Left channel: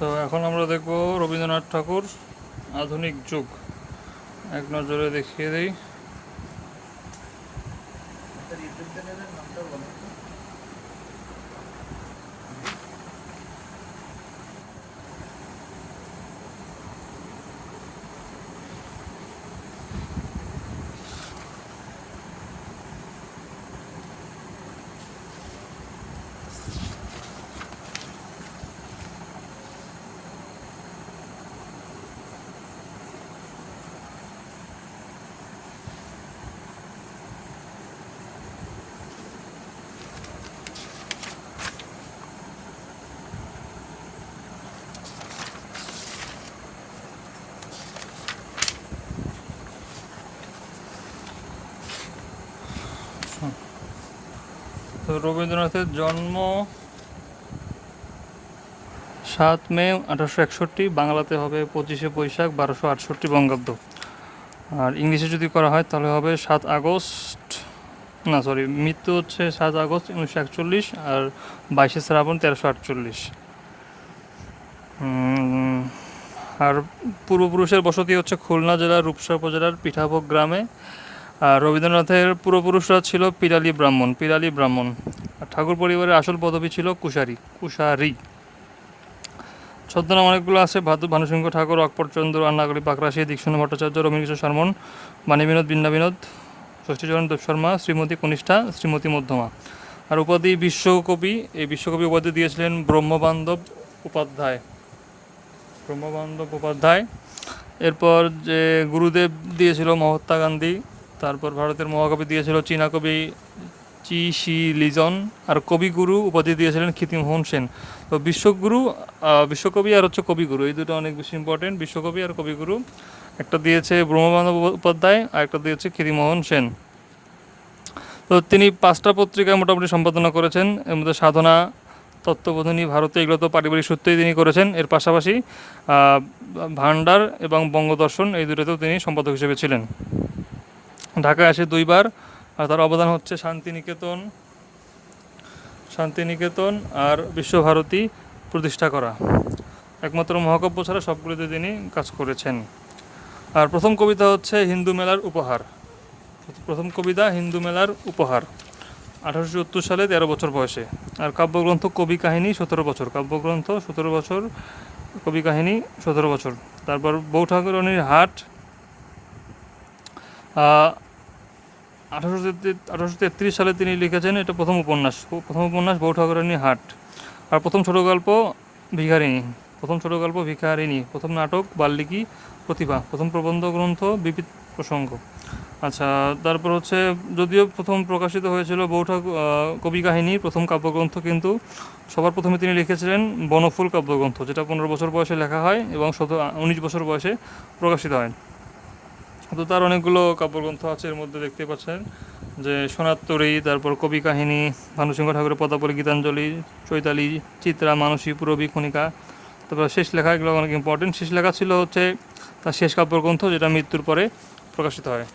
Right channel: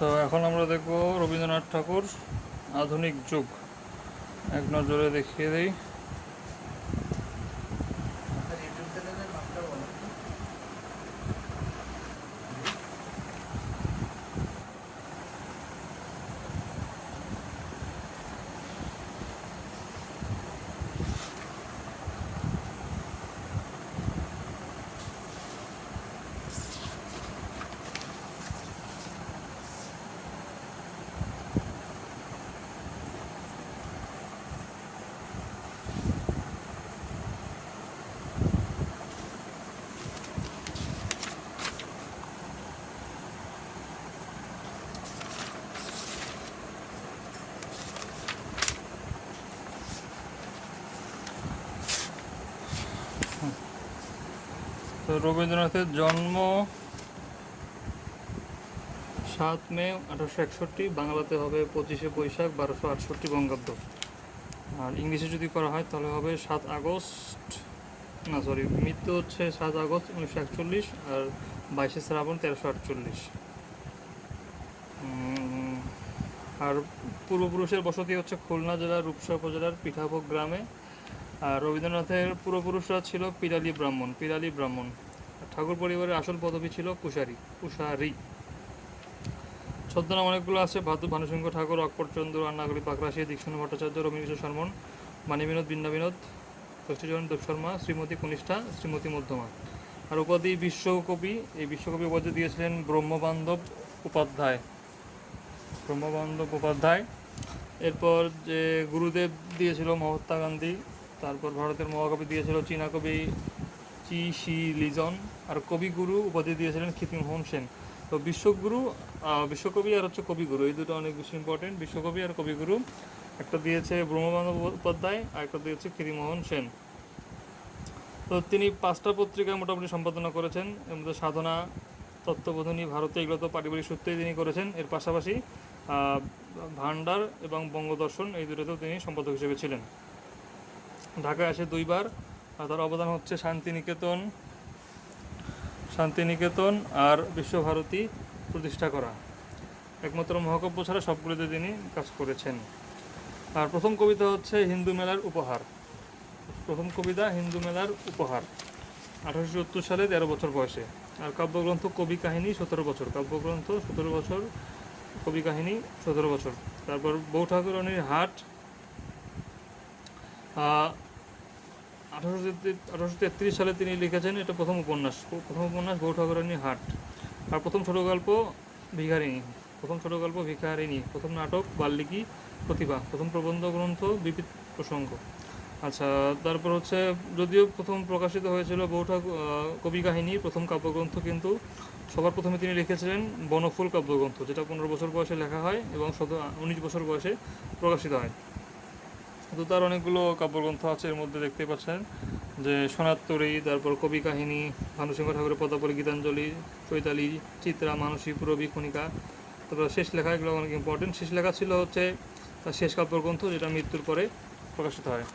তো এখন আমরা দেখব রবীন্দ্রনাথ ঠাকুর আধুনিক যুগ। এক নজরে দেখিয়ে দিই। রবীন্দ্রনাথের জন্ম সাত মে আঠারোশো একষট্টি, বাংলাতে হবে পঁচিশে বৈশাখ বারোশো আটষট্টি বঙ্গাব্দ। আর ইংলিশে যদি করা হয় তাহলে হবে সাত আগস্ট, না সরি মৃত্যু হচ্ছে সাত আগস্ট উনিশশো একচল্লিশ আর বাইশে শ্রাবণ তেরোশো আটচল্লিশ। আর পূর্বপুরুষের বসতি হচ্ছে খুলনা জেলার রূপসা উপজেলার পিঠাভোগ গ্রামে। আর রবীন্দ্রনাথের পূর্বপুরুষরা ছিল পিরালি ব্রাহ্মণ পিরালি ব্রাহ্মণ। আর ঠাকুর পরিবারের আসল পদবী ছিল কুশারি কুশারি। ছদ্মনাম অনেকগুলো আছে, ভাদু, ভানুসিংহ, ঠাকুর অকপরচন্দ্র আন্নাগরি পাকরাশি দীক্ষণ ভট্টাচার্য রবীন্দ্র শর্মন বাণী বিনোদ বিনোদ ষষ্ঠীচরণ, দেব শর্মা, শ্রীমতী কনিষ্ঠা, শ্রীমতী মধ্যমা। আর উপাধি বিশ্বকবি, এই বিশ্বকবি উপাধি দিয়েছিলেন ব্রহ্মবান্ধব উপাধ্যায়। ব্রহ্মবান্ধব উপাধ্যায়। এরপর যে গুরুদেব দিয়েছিল মহাত্মা গান্ধী তারপর ভারতের মহাকবি দিয়েছিল চীনা কবি চি শি লিজন আর কবিগুরু উপাধি দিয়েছিলেন খ্যাতিমোহন সেন। তো বিশ্বগুরু বিশ্বকবি আর হচ্ছে কবিগুরু, এই দুটো অনেক বেশি ইম্পর্টেন্ট বিশ্বকবি আর কবিগুরু, একটা দিয়েছে ব্রহ্মবান্ধব উপাধ্যায় আর একটা দিয়েছে খ্যাতিমোহন সেন। তো তিনি পাঁচটা পত্রিকায় মোটামুটি সম্পাদনা করেছেন। এর মধ্যে সাধনা, তত্ত্ববোধনী ভারতে এগুলো তো পারিবারিক সূত্রেই তিনি করেছেন। এর পাশাপাশি ভান্ডার এবং বঙ্গদর্শন এই দুটোতেও তিনি সম্পাদক হিসেবে ছিলেন। ঢাকায় আসে দুইবার, আর তার অবদান হচ্ছে শান্তিনিকেতন শান্তিনিকেতন আর বিশ্বভারতী প্রতিষ্ঠা করা। একমাত্র মহাকাব্য ছাড়া সবগুলিতে তিনি কাজ করেছেন। আর প্রথম কবিতা হচ্ছে হিন্দু মেলার উপহার। প্রথম কবিতা হিন্দু মেলার উপহার, আঠারোশো সত্তর সালে তেরো বছর বয়সে। আর কাব্যগ্রন্থ কবি কাহিনী সতেরো বছর, কাব্যগ্রন্থ সতেরো বছর, কবি কাহিনী সতেরো বছর। তারপর বউ ঠাকুরনির হাট আঠারোশো আঠারোশো তেত্রিশ সালে তিনি লিখেছেন এটা প্রথম উপন্যাস প্রথম উপন্যাস বউ ঠাকুরানী হাট। আর প্রথম ছোট গল্প ভিখারিণী, প্রথম ছোট গল্প ভিখারিণী, প্রথম নাটক বাল্মীকি প্রতিভা, প্রথম প্রবন্ধ গ্রন্থ বিপিত প্রসঙ্গ। আচ্ছা তারপর হচ্ছে যদিও প্রথম প্রকাশিত হয়েছিল ঠাকুর কবি কাহিনী, প্রথম কাব্যগ্রন্থ কিন্তু সবার প্রথমে তিনি লিখেছিলেন বনফুল কাব্যগ্রন্থ, যেটা পনেরো বছর বয়সে লেখা হয় এবং শত উনিশ বছর বয়সে প্রকাশিত হয়। তো তার অনেকগুলো কাব্যগ্রন্থ আছে এর মধ্যে দেখতে পাচ্ছেন, যে সোনাত্তরী, তারপর কবি কাহিনী, ভানুসিংহ ঠাকুরের পদাবলী, গীতাঞ্জলি, চৈতালি, চিত্রা, মানসী, পুরবী খনিকা তারপর শেষ লেখা, এগুলো অনেক ইম্পর্টেন্ট শেষ লেখা ছিল হচ্ছে তার শেষ কাব্যগ্রন্থ, যেটা মৃত্যুর পরে প্রকাশিত হয়।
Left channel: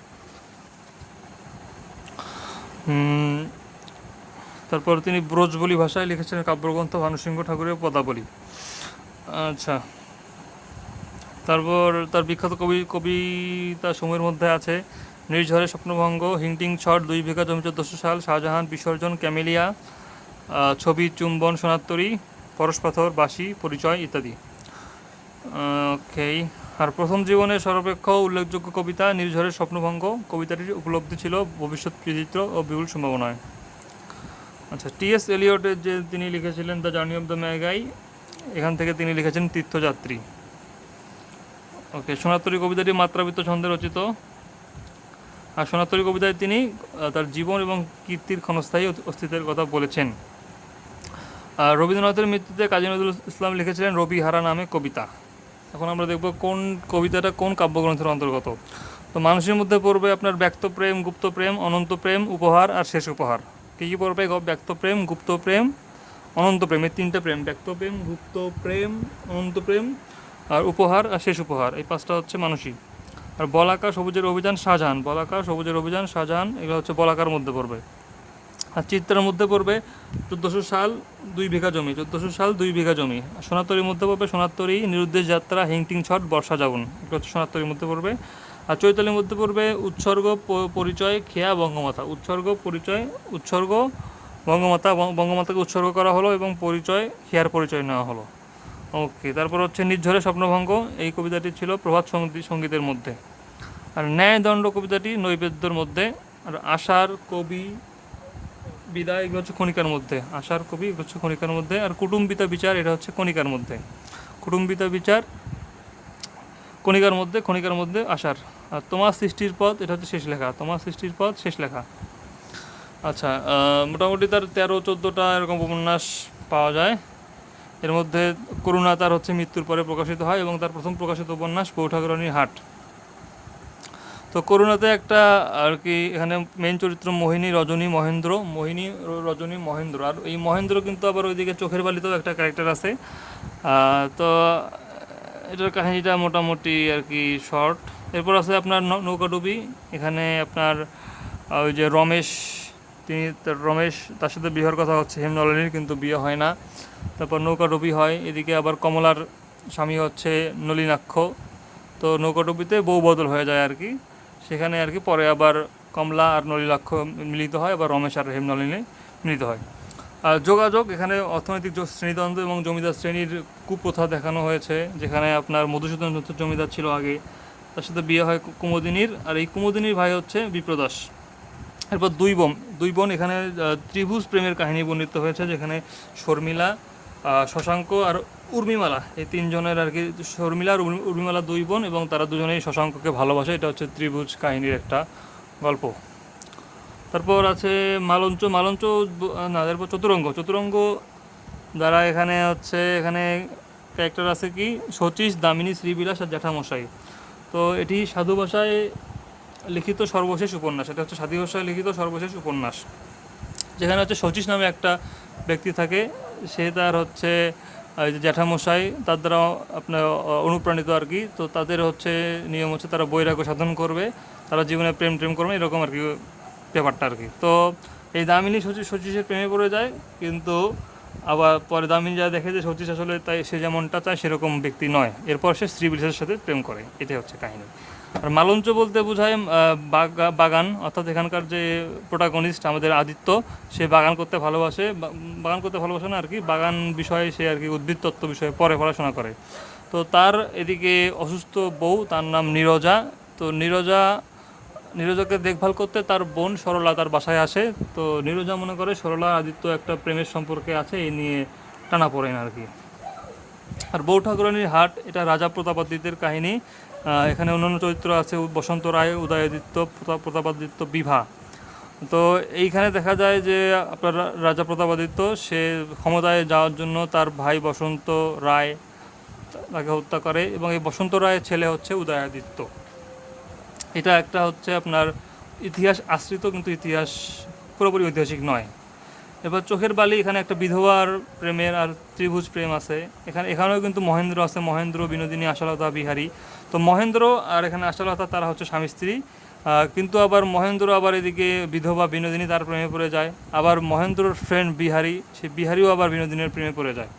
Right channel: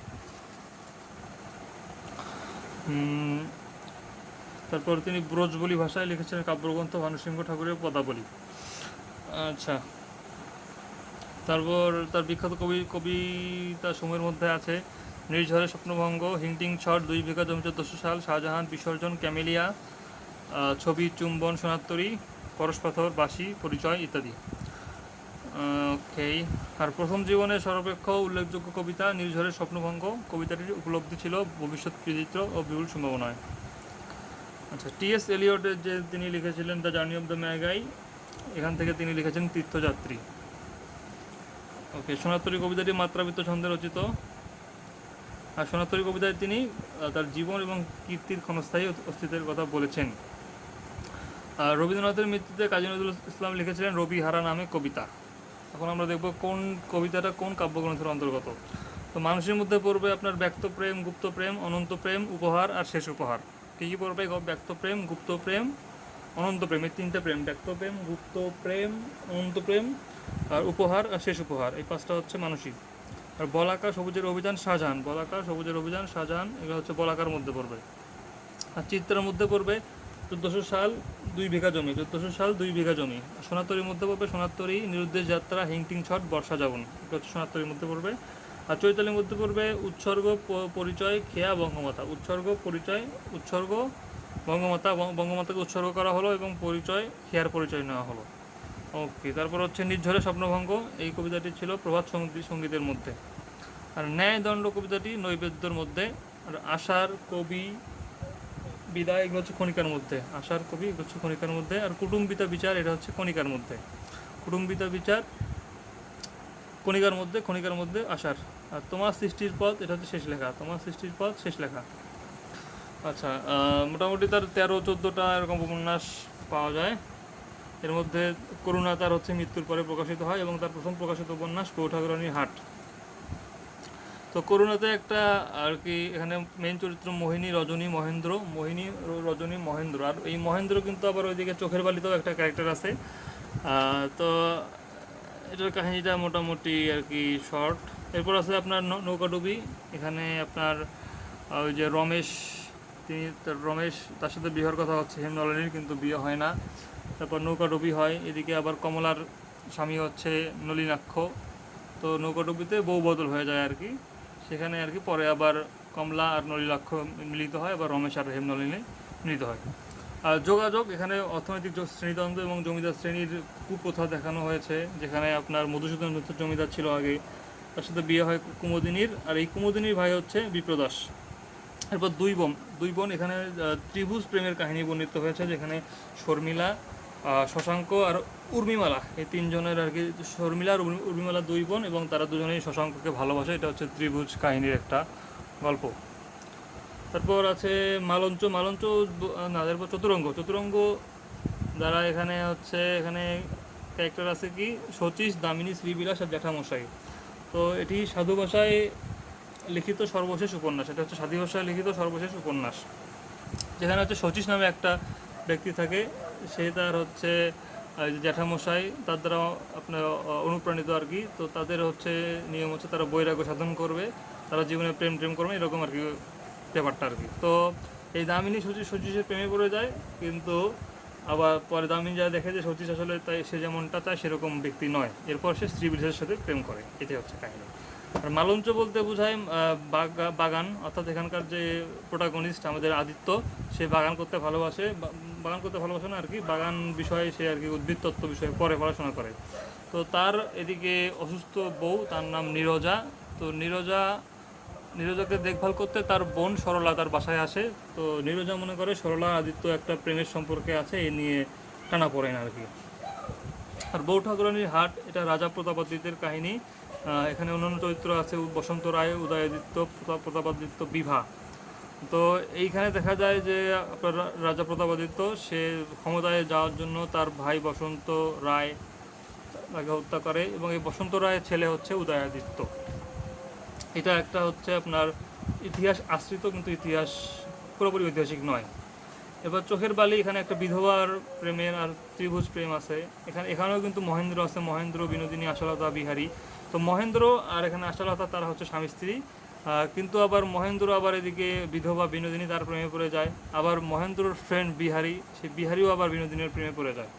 তারপর তিনি ব্রজবলি ভাষায় লিখেছেন কাব্যগ্রন্থ ভানুসিংহ ঠাকুরের পদাবলী। আচ্ছা। তারপর তার বিখ্যাত কবি, কবিতা সময়ের মধ্যে আছে, নির্ঝরে স্বপ্নভঙ্গ, হিংটিং ছট দুই বিঘা জমি চোদ্দশো সাল, শাহজাহান, বিসর্জন, ক্যামেলিয়া ছবি চুম্বন, সোনাত্তরী পরশপাথর বাসি পরিচয় ইত্যাদি। ওকে আর প্রথম জীবনের সর্বাপেক্ষ উল্লেখযোগ্য কবিতা নির্ঝরের স্বপ্নভঙ্গ, কবিতাটির উপলব্ধি ছিল ভবিষ্যৎ কৃতিত্ব ও বিপুল সম্ভাবনায়। আচ্ছা টিএস এলিয়টের যে তিনি লিখেছিলেন, the journey of the Magi, এখান থেকে তিনি লিখেছেন তীর্থযাত্রী। ওকে সোনাতরী কবিতাটি মাত্রাবৃত্ত ছন্দে রচিত। আর সোনাতরী কবিতায় তিনি তার জীবন এবং কীর্তির ক্ষণস্থায়ী অস্তিত্বের কথা বলেছেন। আর রবীন্দ্রনাথের মৃত্যুতে কাজী নজরুল ইসলাম লিখেছিলেন রবি হারা নামে কবিতা। এখন আমরা দেখব কোন কবিতাটা কোন কাব্যগ্রন্থের অন্তর্গত। তো মানুষের মধ্যে পড়বে আপনার ব্যক্ত প্রেম, গুপ্ত প্রেম, অনন্ত প্রেম, উপহার আর শেষ উপহার। কী কী পড়বে? ব্যক্ত প্রেম, গুপ্ত প্রেম, অনন্ত প্রেম, এই তিনটে প্রেম। ব্যক্ত প্রেম, গুপ্ত প্রেম, অনন্ত প্রেম আর উপহার আর শেষ উপহার, এই পাঁচটা হচ্ছে মানসিক আর বলাকা সবুজের অভিযান, শাহজাহান। বলাকা সবুজের অভিযান, শাহজাহান, এগুলো হচ্ছে বলাকার মধ্যে পড়বে। আর চিত্রের মধ্যে পড়বে চোদ্দোশো সাল, দুই বিঘা জমি। চোদ্দোশো সাল, দুই বিঘা জমি। সোনাতরির মধ্যে পড়বে সোনাতরি নিরুদ্দেশ যাত্রা, হিংটিং ছট, বর্ষা যাবন। এটা হচ্ছে সোনাতরির মধ্যে পড়বে। আর চৈতালির মধ্যে পড়বে উৎসর্গ পরিচয়, খেয়া, বঙ্গমাতা। উৎসর্গ, পরিচয়, উৎসর্গ, বঙ্গমাতা। বঙ্গমাতাকে উৎসর্গ করা হলো এবং পরিচয়, খেয়ার পরিচয় নেওয়া হলো। ওকে, তারপর হচ্ছে নির্ঝরে স্বপ্নভঙ্গ, এই কবিতাটি ছিল প্রভাত সংগীত সঙ্গীতের মধ্যে। আর ন্যায়দণ্ড কবিতাটি নৈবেদ্যর মধ্যে, আর আশার কবি বিদায় এগুলো হচ্ছে কণিকার মধ্যে আশার কবি এগুলো হচ্ছে কণিকার মধ্যে, আর কুটুম্বিতা বিচার, এটা হচ্ছে কণিকার মধ্যে। কুটুম্বিতা বিচার, কণিকার মধ্যে কণিকার মধ্যে আশার আর তোমার সৃষ্টির পথ, এটা হচ্ছে শেষ লেখা, তোমার সৃষ্টির পথ, শেষ লেখা। আচ্ছা মোটামুটি তার তেরো, চোদ্দোটা এরকম উপন্যাস পাওয়া যায়। এর মধ্যে করুণা তার হচ্ছে মৃত্যুর পরে প্রকাশিত হয় এবং তার প্রথম প্রকাশিত উপন্যাস পৌঠাগরণীর হাট। তো করুণাতে একটা আর কি এখানে মেন চরিত্র মোহিনী, রজনী মহেন্দ্র। মোহিনী, রজনী মহেন্দ্র। আর এই মহেন্দ্র কিন্তু আবার ওইদিকে চোখের বালিতেও একটা ক্যারেক্টার আছে। তো এটার কাহিনীটা মোটামুটি আর কি শর্ট এরপর আছে আপনার নৌকাডুবি। এখানে আপনার ওই যে রমেশ তিনি রমেশ, তার সাথে বিয়ের কথা হচ্ছে, হেমনলিনীর কিন্তু বিয়ে হয় না। তারপর নৌকাডুবি হয়, এদিকে আবার কমলার স্বামী হচ্ছে নলিনাক্ষ। তো নৌকাডুবিতে বউ বদল হয়ে যায় আর কি। সেখানে আর কি পরে আবার কমলা আর নলিনাক্ষ মিলিত হয়, আবার রমেশ আর হেমনলিনী মিলিত হয়। আর যোগাযোগ, এখানে অর্থনৈতিক শ্রেণীতন্ত্র এবং জমিদার শ্রেণির কুপ্রথা দেখানো হয়েছে, যেখানে আপনার মধুসূদন জমিদার ছিল আগে। তার সাথে বিয়ে হয় কুমুদিনীর, আর এই কুমুদিনীর ভাই হচ্ছে বিপ্রদাস। এরপর দুই বোন। দুই বোন এখানে ত্রিভুজ প্রেমের কাহিনী বর্ণিত হয়েছে, যেখানে শর্মিলা শশাঙ্ক আর উর্মিমালা, এই তিনজনের আর কি, শর্মিলা আর উর্মি- উর্মিমালা দুই বোন এবং তারা দুজনেই শশাঙ্ককে ভালোবাসে। এটা হচ্ছে ত্রিভুজ কাহিনীর একটা গল্প। তারপর আছে মালঞ্চ। মালঞ্চ না, তারপর চতুরঙ্গ। চতুরঙ্গ দ্বারা এখানে হচ্ছে, এখানে ক্যারেক্টার আছে কি? শচীশ দামিনী, শ্রীবিলাস আর জ্যাঠামশাই। তো এটি সাধু ভাষায় লিখিত সর্বশেষ উপন্যাস, এটা হচ্ছে সাধু ভাষায় লিখিত সর্বশেষ উপন্যাস, যেখানে হচ্ছে শচীশ নামে একটা ব্যক্তি থাকে, সে তার হচ্ছে জ্যাঠামশাই, তার দ্বারা আপনার অনুপ্রাণিত আর কি, তো তাদের হচ্ছে নিয়ম হচ্ছে তারা বৈরাগ্য সাধন করবে, তারা জীবনে প্রেম প্রেম করবে, এরকম আর কি ব্যাপারটা আর কি। তো এই দামিনী শচীশ শচীশের প্রেমে পড়ে যায়, কিন্তু আবার পরে দামিনী যা দেখে যে শচীশ আসলে তাই সে যেমনটা চায়, সেরকম ব্যক্তি নয়। এরপর সে স্ত্রী বিশেষের সাথে প্রেম করে, এটাই হচ্ছে কাহিনী। আর মালঞ্চ বলতে বোঝায় বাগান, অর্থাৎ এখানকার যে প্রোটাগনিস্ট আমাদের আদিত্য, সে বাগান করতে ভালোবাসে বাগান করতে ভালোবাসে না আর কি, বাগান বিষয়ে সে আর কি উদ্ভিদ তত্ত্ব বিষয়ে পরে পড়াশোনা করে। তো তার এদিকে অসুস্থ বউ, তার নাম নীরজা। তো নীরজা, নীরজাকে দেখভাল করতে তার বোন সরলা তার বাসায় আসে। তো নীরজা মনে করে সরলা, আদিত্য একটা প্রেমের সম্পর্কে আছে এই নিয়ে টানা পড়েন আর কি। আর বউ ঠাকুরানীর হাট, এটা রাজা প্রতাপাদিত্যের কাহিনী। এখানে অন্যান্য চরিত্র আছে বসন্ত রায়, উদয়াদিত্য, প্রতা- প্রতাপাদিত্য, বিভা। তো এইখানে দেখা যায় যে আপনার রাজা প্রতাপাদিত্য, সে ক্ষমতায় যাওয়ার জন্য তার ভাই বসন্ত রায় তাকে হত্যা করে এবং এই বসন্ত রায়ের ছেলে হচ্ছে উদয়াদিত্য। এটা একটা হচ্ছে আপনার ইতিহাস আশ্রিত কিন্তু ইতিহাস পুরোপুরি ঐতিহাসিক নয়। এবার চোখের বালি, এখানে একটা বিধবার প্রেমের আর ত্রিভুজ প্রেম আছে। এখানে এখানেও কিন্তু মহেন্দ্র আছে, মহেন্দ্র বিনোদিনী, আশালতা, বিহারী। তো মহেন্দ্র আর এখানে আশালতা তারা হচ্ছে স্বামী স্ত্রী। কিন্তু আবার মহেন্দ্র আবার এদিকে বিধবা, বিনোদিনী তার প্রেমে পড়ে যায়। আবার মহেন্দ্রর ফ্রেন্ড বিহারি, সে বিহারিও আবার বিনোদিনীর প্রেমে পড়ে যায়।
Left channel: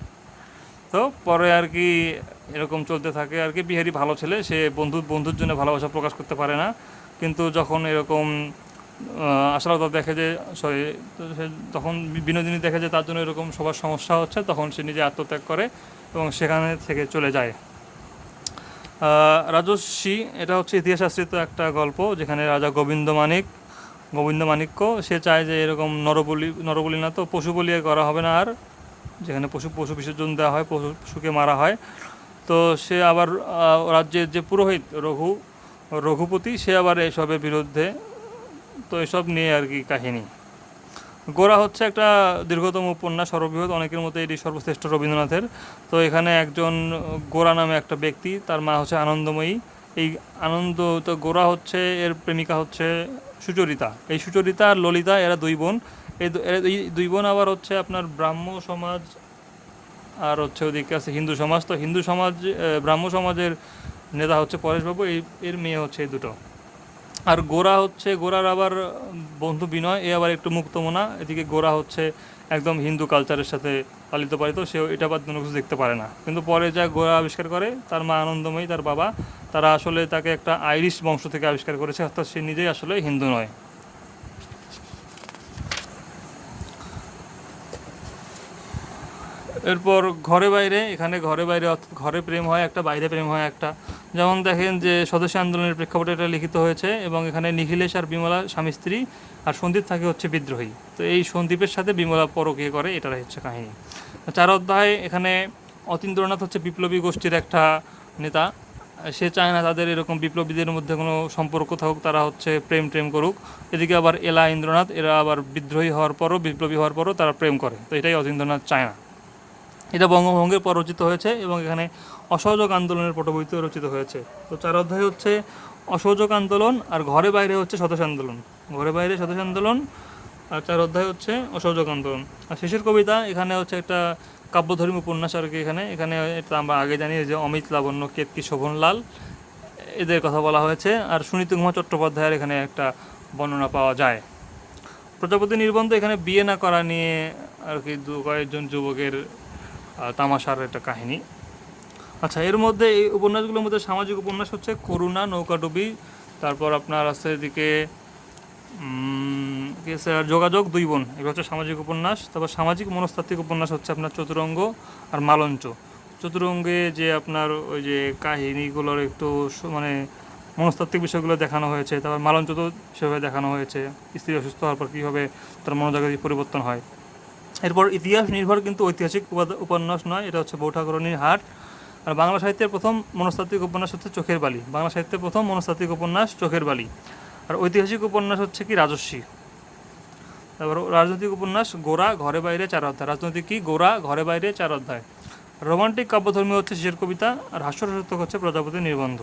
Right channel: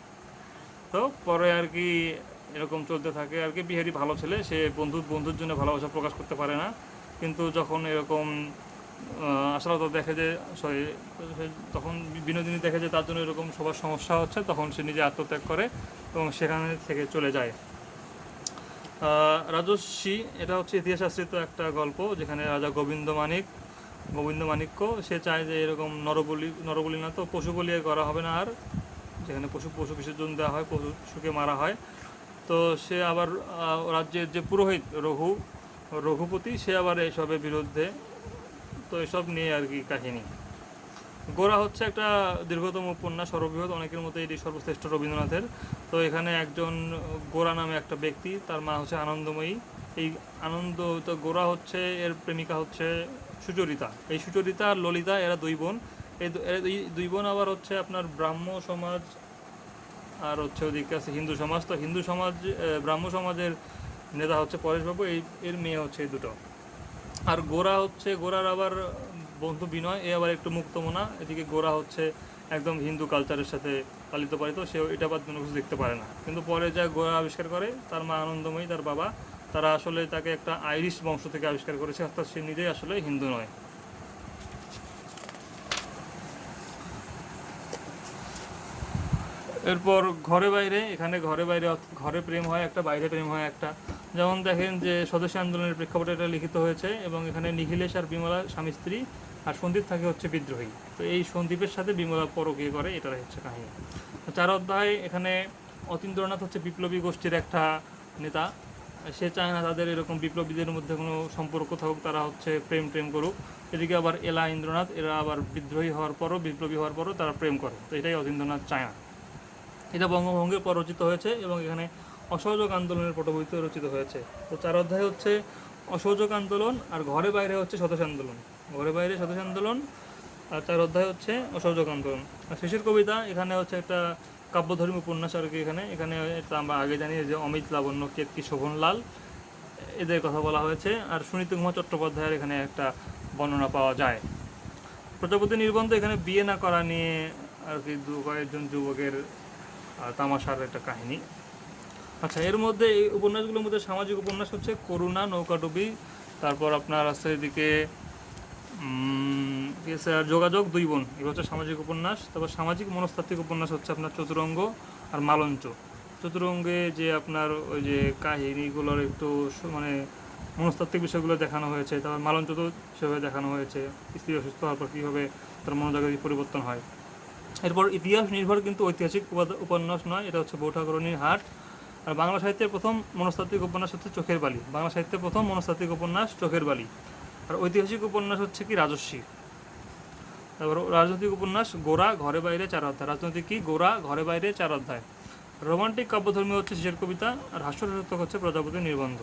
তো পরে আর কি এরকম চলতে থাকে। আর কি বিহারি ভালো ছেলে, সে বন্ধু, বন্ধুর জন্য ভালোবাসা প্রকাশ করতে পারে না। কিন্তু যখন এরকম আশালতা দেখে যে সরি তখন বিনোদিনী দেখে যে তার জন্য এরকম সবার সমস্যা হচ্ছে, তখন সে নিজে আত্মত্যাগ করে এবং সেখানে থেকে চলে যায়। রাজস্বী, এটা হচ্ছে ইতিহাস আশ্রিত একটা গল্প যেখানে রাজা গোবিন্দ মানিক, গোবিন্দ মাণিক্য সে চায় যে এরকম নরবলি নরবলি না তো পশু বলি করা হবে না আর, যেখানে পশু পশু বিসর্জন দেওয়া হয়, পশু, পশুকে মারা হয়। তো সে আবার রাজ্যের যে পুরোহিত রঘু, রঘুপতি, সে আবার এসবের বিরুদ্ধে, তো এসব নিয়ে আর কি কাহিনী। গোরা হচ্ছে একটা দীর্ঘতম উপন্যাস, সর্ববৃহৎ। অনেকের মধ্যে এটি সর্বশ্রেষ্ঠ রবীন্দ্রনাথের। তো এখানে একজন গোরা নামে একটা ব্যক্তি, তার মা হচ্ছে আনন্দময়ী। এই আনন্দ, তো গোরা হচ্ছে, এর প্রেমিকা হচ্ছে সুচরিতা। এই সুচরিতা আর ললিতা, এরা দুই বোন। এই দুই বোন আবার হচ্ছে আপনার ব্রাহ্ম সমাজ আর হচ্ছে ওদিকে আছে হিন্দু সমাজ। তো হিন্দু সমাজ ব্রাহ্ম সমাজের নেতা হচ্ছে পরেশবাবু। এই, এর মেয়ে হচ্ছে এই দুটো। আর গোরা হচ্ছে গোরার আবার বন্ধু বিনয়, এ আবার একটু মুক্ত মুক্তমনা। এদিকে গোরা হচ্ছে একদম হিন্দু কালচারের সাথে পালিত পালিত, সেও এটা বাদ কোনো কিছু দেখতে পারে না। কিন্তু পরে যা গোরা আবিষ্কার করে, তার মা আনন্দময়ী, তার বাবা, তারা আসলে তাকে একটা আইরিশ বংশ থেকে আবিষ্কার করেছে, অর্থাৎ সে নিজেই আসলে হিন্দু নয়। এরপর ঘরে বাইরে, এখানে ঘরে বাইরে ঘরে প্রেম হয়, একটা বাইরে প্রেম হয়, একটা যেমন দেখেন যে স্বদেশী আন্দোলনের প্রেক্ষাপটে এটা লিখিত হয়েছে এবং এখানে নিখিলেশ আর বিমলা স্বামী স্ত্রী আর সন্দীপ থাকে হচ্ছে বিদ্রোহী। তো এই সন্দীপের সাথে বিমলা পরকীয় করে এটাই হচ্ছে কাহিনী। চার অধ্যায় এখানে অতীন্দ্রনাথ হচ্ছে বিপ্লবী গোষ্ঠীর একটা নেতা। সে চায় না তাদের এরকম বিপ্লবীদের মধ্যে কোনো সম্পর্ক থাকুক, তারা হচ্ছে প্রেম প্রেম করুক। এদিকে আবার এলা ইন্দ্রনাথ, এরা আবার বিদ্রোহী হওয়ার পরও, বিপ্লবী হওয়ার পরও তারা প্রেম করে। তো এটাই অতীন্দ্রনাথ চায় না। এটা বঙ্গভঙ্গের পর রচিত হয়েছে এবং এখানে অসহযোগ আন্দোলনের পটভূমিতে রচিত হয়েছে। তো চার অধ্যায় হচ্ছে অসহযোগ আন্দোলন আর ঘরে বাইরে হচ্ছে স্বদেশ আন্দোলন। ঘরে বাইরে স্বদেশ আন্দোলন আর চার অধ্যায় হচ্ছে অসহযোগ আন্দোলন। আর শেষের কবিতা, এখানে হচ্ছে একটা কাব্যধর্মী উপন্যাস আর কি এখানে। এখানে এটা আমরা আগে জানি যে অমিত লাবণ্য, কেতকি শোভনলাল এদের কথা বলা হয়েছে। আর সুনীত কুমার চট্টোপাধ্যায়ের এখানে একটা বর্ণনা পাওয়া যায়। প্রজাপতি নির্বন্ধ এখানে বিয়ে না করা নিয়ে আর কি দু কয়েকজন যুবকের তামাশার একটা কাহিনী। আচ্ছা এর মধ্যে এই উপন্যাসগুলোর মধ্যে সামাজিক উপন্যাস হচ্ছে করুণা নৌকাডুবি তারপর আপনার আছে এদিকে উম, কি আছে? আর যোগাযোগ দুই বোন এগুলো হচ্ছে সামাজিক উপন্যাস। তারপর সামাজিক মনস্তাত্ত্বিক উপন্যাস হচ্ছে আপনার চতুরঙ্গ আর মালঞ্চ। চতুরঙ্গে যে আপনার ওই যে কাহিনীগুলোর একটু মানে মনস্তাত্ত্বিক বিষয়গুলো দেখানো হয়েছে তারপর মালঞ্চ তো সেভাবে দেখানো হয়েছে। স্ত্রী অসুস্থ হওয়ার পর কীভাবে তার মনোজগতে পরিবর্তন হয়। এরপর ইতিহাস নির্ভর কিন্তু ঐতিহাসিক উপন্যাস নয় এটা হচ্ছে বৌঠাকরণীর হাট। আর বাংলা সাহিত্যের প্রথম মনস্তাত্ত্বিক উপন্যাস হচ্ছে চোখের বালি। বাংলা সাহিত্যের প্রথম মনস্তাত্ত্বিক উপন্যাস চোখের বালি। আর ঐতিহাসিক উপন্যাস হচ্ছে কি? রাজস্বী। তারপর রাজনৈতিক উপন্যাস, গোরা ঘরে বাইরে চার অধ্যায়। রাজনৈতিক কি? গোরা ঘরে বাইরে চার অধ্যায়। রোমান্টিক কাব্যধর্মী হচ্ছে শেষের কবিতা, আর হাস্যরসাত্মক হচ্ছে প্রজাপতি নির্বন্ধ।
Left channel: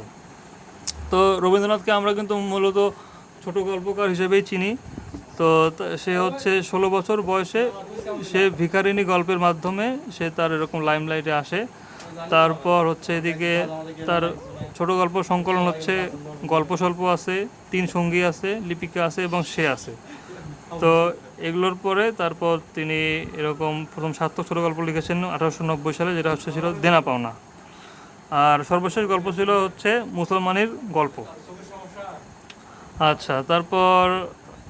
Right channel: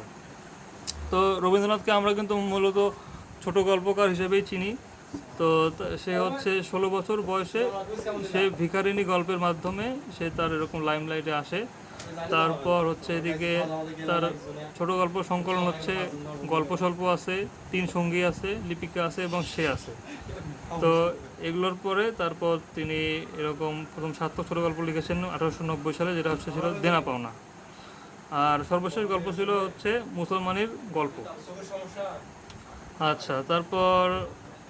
তো রবীন্দ্রনাথকে আমরা কিন্তু মূলত ছোট গল্পকার হিসেবেই চিনি। তো সে হচ্ছে ষোলো বছর বয়সে সে ভিখারিনী গল্পের মাধ্যমে সে তার এরকম লাইমলাইটে আসে। তারপর হচ্ছে এদিকে তার ছোট গল্প সংকলন হচ্ছে, গল্প স্বল্প আছে, তিন সঙ্গী আছে, লিপিকা আছে এবং সে আছে। তো এগুলোর পরে তারপর তিনি এরকম প্রথম সার্থক ছোট গল্প লিখেছেন আঠারোশো নব্বই সালে, যেটা হচ্ছে ছিল দেনা পাওনা। আর সর্বশেষ গল্প ছিল হচ্ছে মুসলমানের গল্প। আচ্ছা তারপর